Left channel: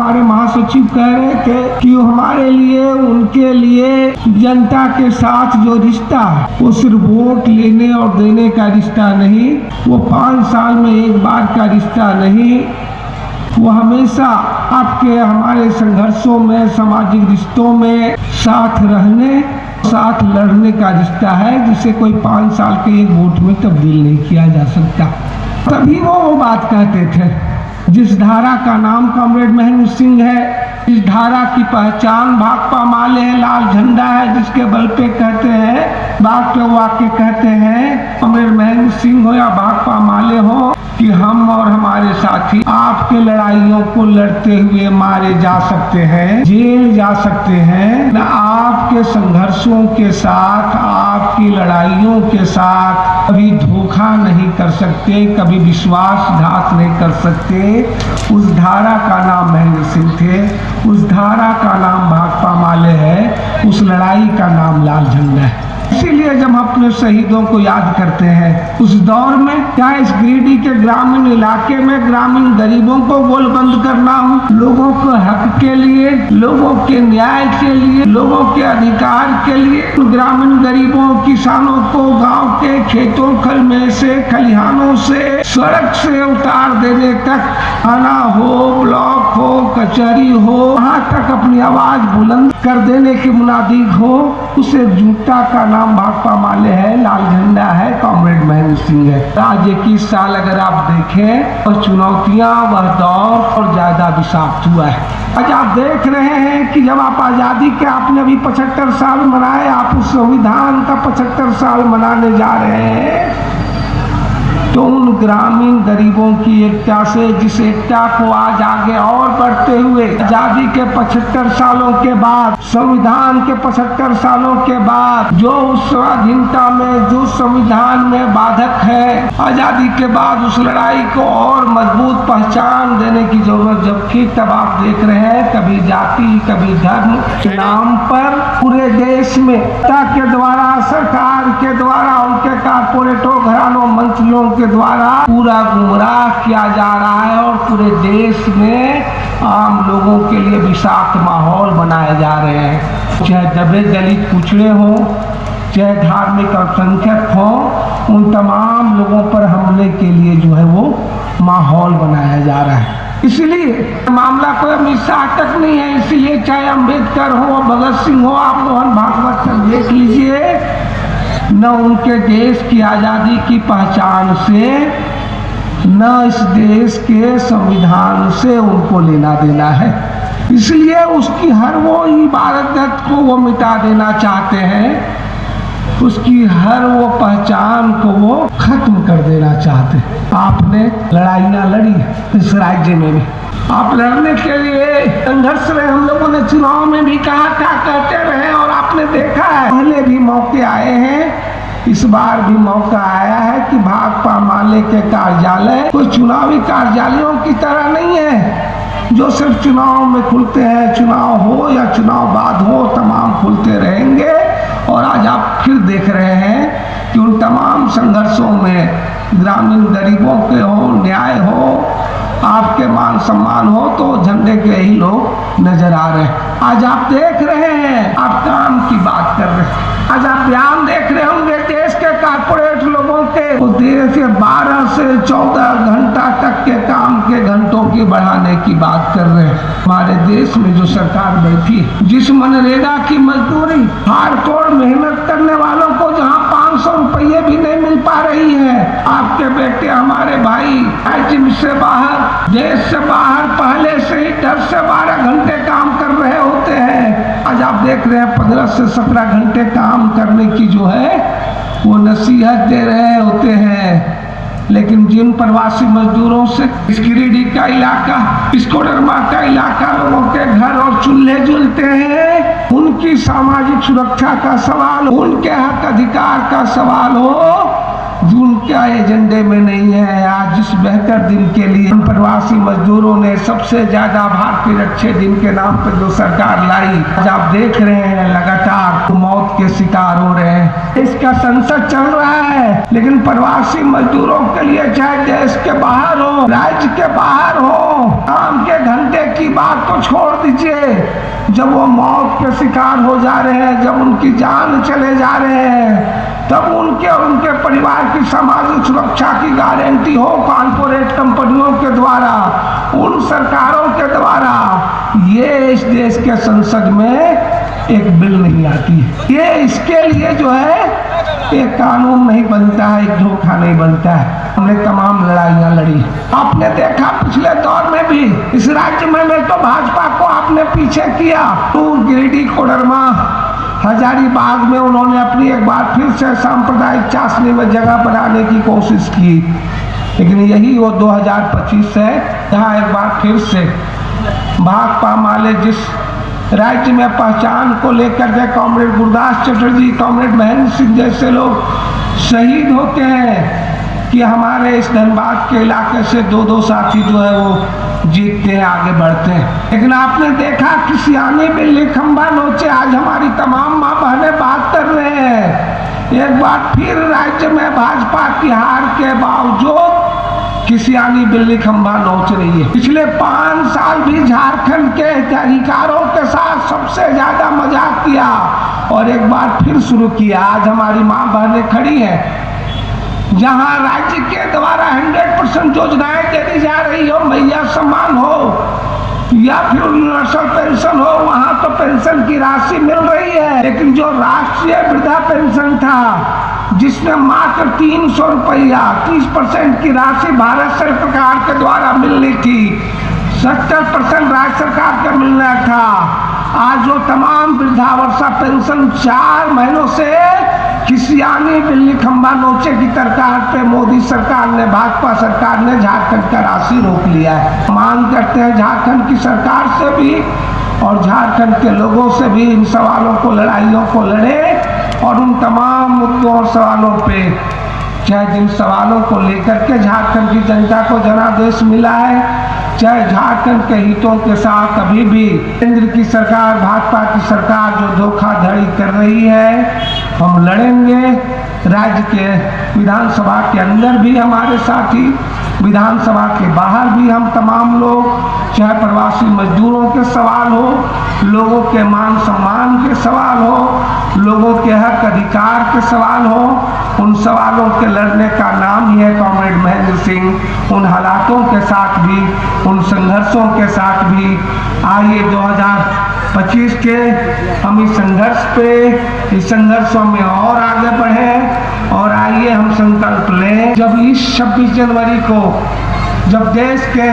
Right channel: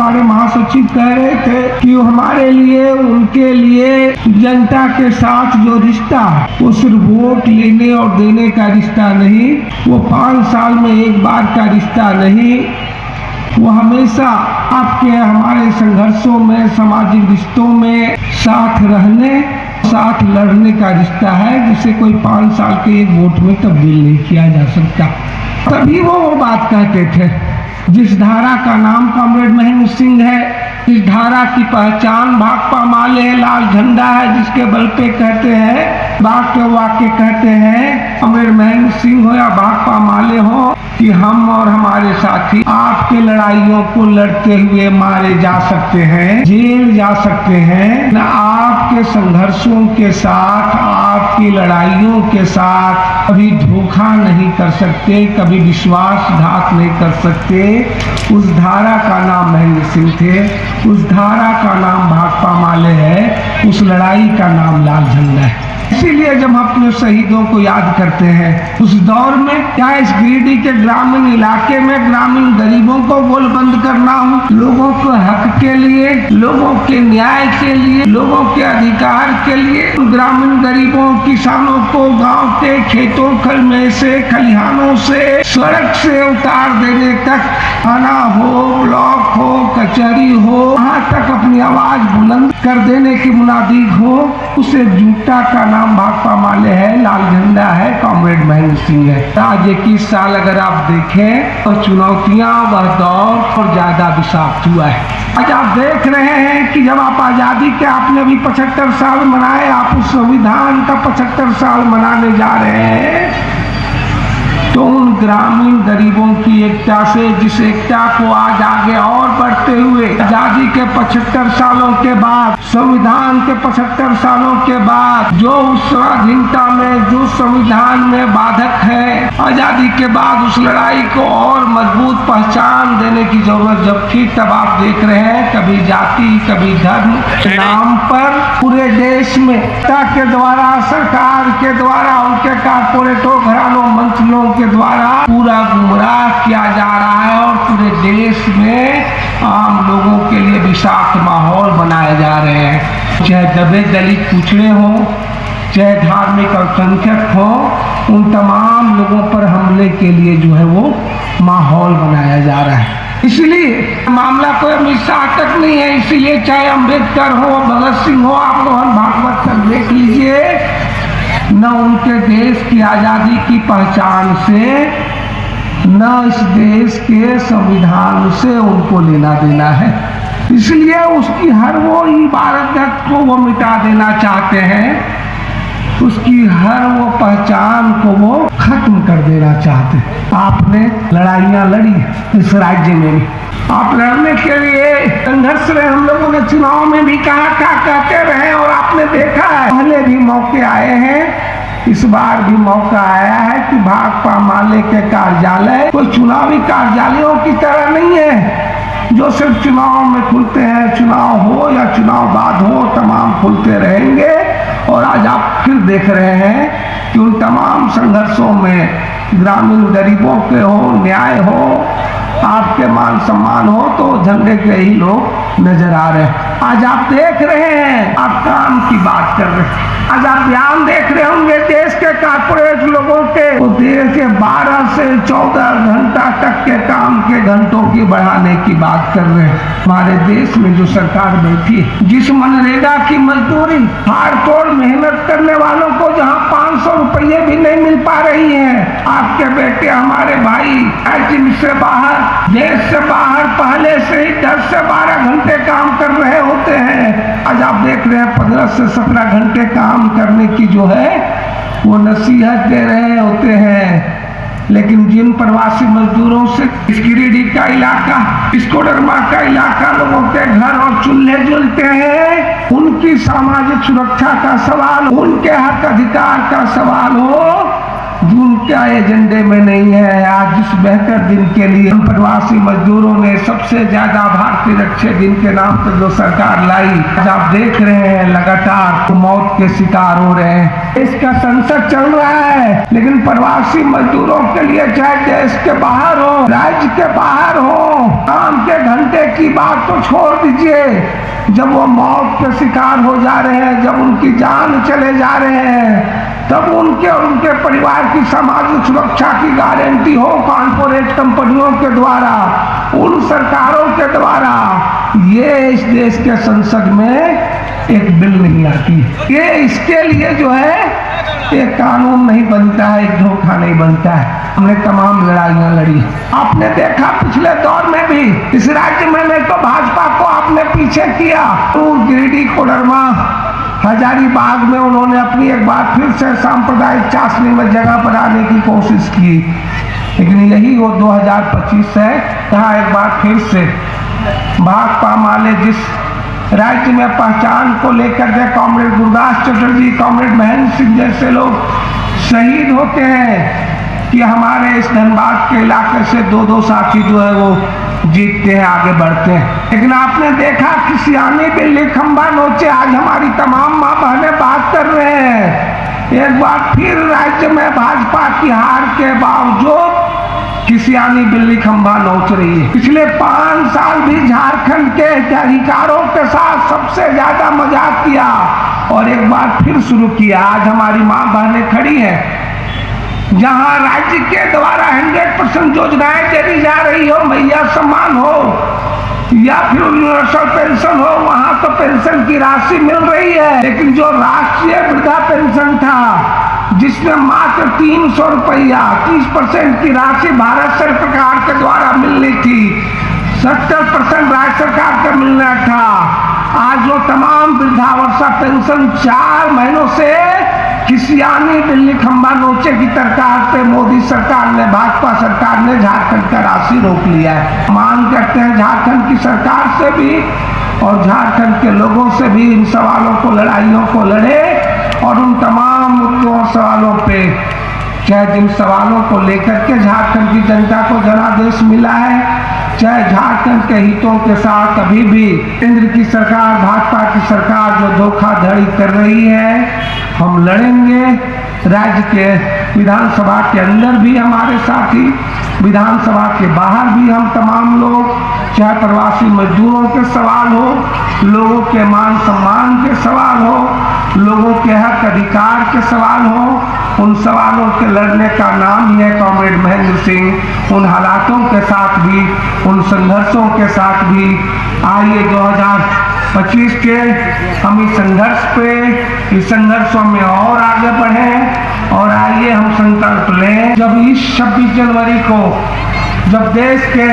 हमारे महासचिव कह रहे थे कि हमारे लिए, उनके लिए जनता के साथ जो रिश्ता, वो सिर्फ वोट लेने और देने का रिश्ता नहीं, वो 5 साल में एक बार का रिश्ता नहीं, वो हमेशा आपके हमारे संघर्षों में, सामाजिक रिश्तों में साथ रहने, साथ लड़ने का रिश्ता है, जिसे कोई 5 साल के एक वोट में तब्दील नहीं किया जा सकता। तभी वो बात कहते थे। जिस धारा का नाम कॉमरेड महेंद्र सिंह है, इस धारा की पहचान भाकपा माले है, लाल झंडा है, जिसके बल पे कहते हैं, बात के वाक्य कहते हैं, कॉमरेड महेंद्र सिंह हो या भाकपा माले हो, कि हम और हमारे साथी आपकी लड़ाइयों को लड़ते हुए मारे जा सकते हैं, जेल जा सकते हैं, न आपके संघर्षों के साथ, आपकी लड़ाइयों के साथ कभी धोखा नहीं कर सकते, कभी विश्वासघात नहीं कर सकते। उस धारा का नाम महेंद्र सिंह थे, उस धारा का नाम भाकपा माले है, उस लड़ाई का नाम लाल झंडा है। इसीलिए जब हम अपने शहीदों को याद करते हैं, उस दौर में क्या इस गिरिडीह के ग्रामीण इलाके में ग्रामीण गरीबों को गोलबंद करना हो, लोगों के हक के लिए, लोगों के न्याय के लिए, लोगों के अधिकार के लिए, ग्रामीण गरीबों, किसानों को गांव के खेतों खल में से, खलिहानों से, सड़क से उतार देने तक, थाना हो, ब्लॉक हो, कचहरी हो, वहाँ तक अपनी आवाज बुलंद कर देने की मुनादी हो, उस एकजुटता का नाम भाकपा माले है, लाल झंडा है, कॉमरेड महेंद्र सिंह है। आज 21 साल अगर आप देखें तो चुनौतियां वह दौर और ज्यादा विषाक्त हुआ है। आज आप देख रहे हैं कि जब आप आजादी के, आपने भी 75 साल मनाए, आप उस संविधान का 75 साल मनाने जा रहे हैं, तो उन ग्रामीण गरीबों की एकता से, जिस एकता को आज आगे और बढ़ते हुए आजादी के 75 सालों के बाद, संविधान के 75 सालों के बाद, जो उस स्वाधीनता में, जो संविधान में बाधक है, आजादी के बाद उस लड़ाई को और मजबूत पहचान देने की जरूरत जब थी, तब आप देख रहे हैं कभी जाति, कभी धर्म के नाम पर पूरे देश में के द्वारा, सरकार के द्वारा, उनके कारपोरेटों, घरानों, मंत्रियों के द्वारा पूरा गुमराह किया जा रहा है और पूरे देश में आम लोगों के लिए विषाक्त माहौल बनाए जा रहे हैं। चाहे दबे दलित कुचले हो, चाहे धार्मिक अल्पसंख्यक हो, उन तमाम लोगों पर हमले के लिए जो है वो माहौल बनाया जा रहा है। इसलिए मामला कोई अमित तक नहीं है। इसीलिए चाहे अम्बेडकर हो, भगत सिंह हो, आप मोहन भागवत तक देख लीजिए, न उनके देश की आजादी की पहचान से, न इस देश के संविधान से उनको लेना देना है। इसलिए उसकी हर वो इबारत को वो मिटा देना चाहते हैं, उसकी हर वो पहचान को वो खत्म कर देना चाहते हैं। आपने लड़ाइयाँ लड़ी इस राज्य में भी, आप लड़ने के लिए संघर्ष रहे, हम लोगों ने चुनाव में भी कहा, क्या कहते रहे, और आपने देखा है पहले भी मौके आए हैं, इस बार भी मौका आया है कि भाकपा माले के कार्यालय कोई चुनावी कार्यालयों की तरह नहीं है जो सिर्फ चुनाव में खुलते हैं, चुनाव हो या चुनाव बाद हो, तमाम खुलते रहेंगे। और आज आप फिर देख रहे हैं कि उन तमाम संघर्षों में ग्रामीण गरीबों के हो, न्याय हो, आपके मान सम्मान हो, तो झंडे के ही लोग नजर आ रहे हैं। आज आप देख रहे हैं, आप काम की बात कर रहे हैं, आज आप ध्यान देख रहे होंगे देश के कारपोरेट लोगों के, वो देश के 12 से 14 घंटा तक के काम के घंटों की बढ़ाने की बात कर रहे हैं। हमारे देश में जो सरकार बैठी, जिस मनरेगा की मजदूरी हाड़ तोड़ मेहनत करने वालों को जहाँ 500 रुपये भी नहीं मिल पा रही है, आपके बेटे, हमारे भाई राज्य से बाहर, देश से बाहर पहले से ही 10 से 12 घंटे काम कर रहे होते हैं, आज आप देख रहे हैं 15 से 17 घंटे काम करने की जो है वो नसीहत दे रहे होते हैं। लेकिन जिन प्रवासी मजदूरों से इस गिरिडीह का इलाका, इस कोडरमा का इलाका, लोगों के घर और चूल्हे जलते हैं, उनकी सामाजिक सुरक्षा का सवाल, उनके हक अधिकार का सवाल हो, उनके एजेंडे में नहीं है। आज जिस बेहतर दिन के लिए प्रवासी मजदूरों ने सबसे ज्यादा भारतीय रक्षा दिन के नाम पर जो सरकार लाई, आज आप देख रहे हैं लगातार मौत के शिकार हो रहे हैं। इसका संसद चल रहा है, लेकिन प्रवासी मजदूरों के लिए चाहे देश के बाहर हो, राज्य के बाहर हो, काम के घंटे घंटे की बात तो छोड़ दीजिए, जब वो मौत के शिकार हो जा रहे हैं, जब उनकी जान चले जा रहे हैं, तब उनके और उनके परिवार की सामाजिक सुरक्षा की गारंटी हो कॉर्पोरेट कंपनियों के द्वारा, उन सरकारों के द्वारा, ये इस देश के संसद में एक बिल नहीं आती। ये इसके लिए जो है एक कानून नहीं बनता है, एक धोखा नहीं बनता है। हमने तमाम लड़ाइयां लड़ी। आपने देखा पिछले दौर में भी इस राज्य में तो भाजपा को आपने पीछे किया, तो गिरिडीह, कोडरमा, हजारीबाग में उन्होंने अपनी एक बार फिर से सांप्रदायिक चाशनी में जगह बनाने की कोशिश की, लेकिन यही वो 2025 है जहाँ एक बार फिर से भाकपा माले जिस राज्य में पहचान को लेकर के कॉमरेड गुरदास चटर्जी, कॉमरेड महेंद्र सिंह जैसे लोग शहीद होते हैं कि हमारे इस धनबाद के इलाके से दो साथी जो है वो जीतते हैं, आगे बढ़ते हैं। लेकिन आपने देखा कि सियानी बिल्ली खंबा नोचे, आज हमारी तमाम माँ बहनें बात कर रहे हैं। एक बार फिर राज्य में भाजपा की हार के बावजूद सियानी बिल्ली खंबा नोच रही है। पिछले 5 साल भी झारखंड के अधिकारों के साथ सबसे ज्यादा मजाक किया और एक बार फिर शुरू किया। आज हमारी माँ बहनें खड़ी हैं, जहां राज्य के द्वारा 100% योजनाएं दे जा रही हो, मैया सम्मान हो या फिर यूनिवर्सल पेंशन हो, वहां तो पेंशन की राशि मिल रही है, लेकिन जो राष्ट्रीय वृद्धा पेंशन था जिसमें मात्र 300 रुपया 30% की राशि भारत सरकार के द्वारा मिलनी थी, 70% राज्य सरकार का मिलना था। आज जो तमाम वृद्धावस्था पेंशन 4 महीनों से सियानी बिल्ली खंबा नोचे की सरकार पे मोदी सरकार ने, भाजपा सरकार ने झारखंड का राशि रोक लिया है। मांग करते हैं झारखंड की सरकार से भी और झारखंड के लोगों से भी इन सवालों को, लड़ाइयों को लड़े और उन तमाम मुद्दों और सवालों पे, चाहे जिन सवालों को लेकर के झारखंड की जनता को जनादेश मिला है, चाहे झारखंड के हितों के साथ अभी भी केंद्र की सरकार, भाजपा की सरकार जो धोखाधड़ी कर रही है, हम लड़ेंगे। राज्य के विधानसभा के अंदर भी हमारे साथी, विधानसभा के बाहर भी हम तमाम लोग, चाहे प्रवासी मजदूरों के सवाल हो, लोगों के मान सम्मान के सवाल हो, लोगों के हक अधिकार के सवाल हो, उन सवालों के लड़ने का नाम ही है कॉमरेड महेंद्र सिंह। उन हालातों के साथ भी, उन संघर्षों के साथ भी आइए 2025 के हम इस संघर्ष पे, इस संघर्षों में और आगे बढ़े और आइए हम संकल्प लें। जब इस 26 जनवरी को जब देश के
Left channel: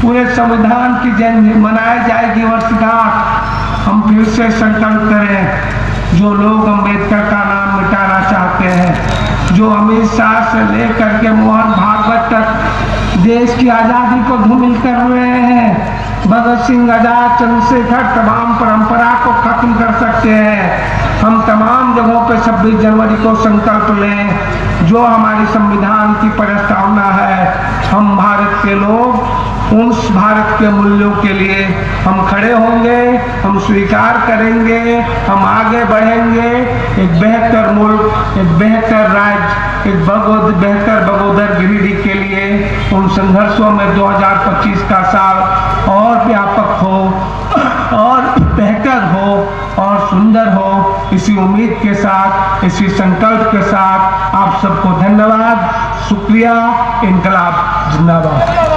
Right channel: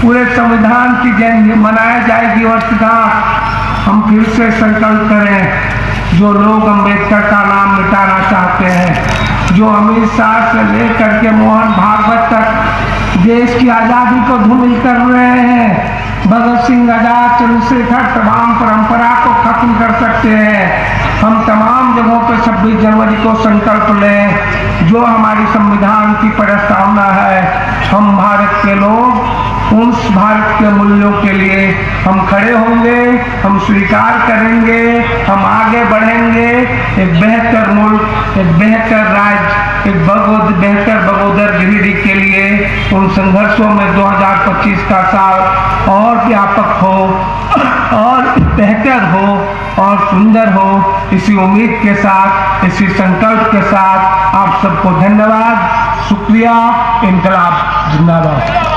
पूरे संविधान की जयंती मनाई जाएगी वर्षगांठ, हम फिर से संकल्प करें, जो लोग अम्बेडकर का नाम मिटाना चाहते हैं, जो अमित शाह से लेकर के मोहन भागवत तक देश की आज़ादी को धूमिल कर रहे हैं, भगत सिंह, आजाद, चंद्रशेखर, तमाम परंपरा को खत्म कर सकते हैं। हम तमाम जगहों पर 26 जनवरी को संकल्प लें, जो हमारी संविधान की प्रस्तावना है, हम भारत के लोग उस भारत के मूल्यों के लिए हम खड़े होंगे, हम स्वीकार करेंगे, हम आगे बढ़ेंगे, एक बेहतर मुल्क, एक बेहतर राज्य, एक बेहतर बगोदर गिरिडीह के लिए उन संघर्षों में 2025 का साल और व्यापक हो और बेहतर हो और सुंदर हो, इसी उम्मीद के साथ, इसी संकल्प के साथ आप सबको धन्यवाद, शुक्रिया, इनकलाब जिंदाबाद।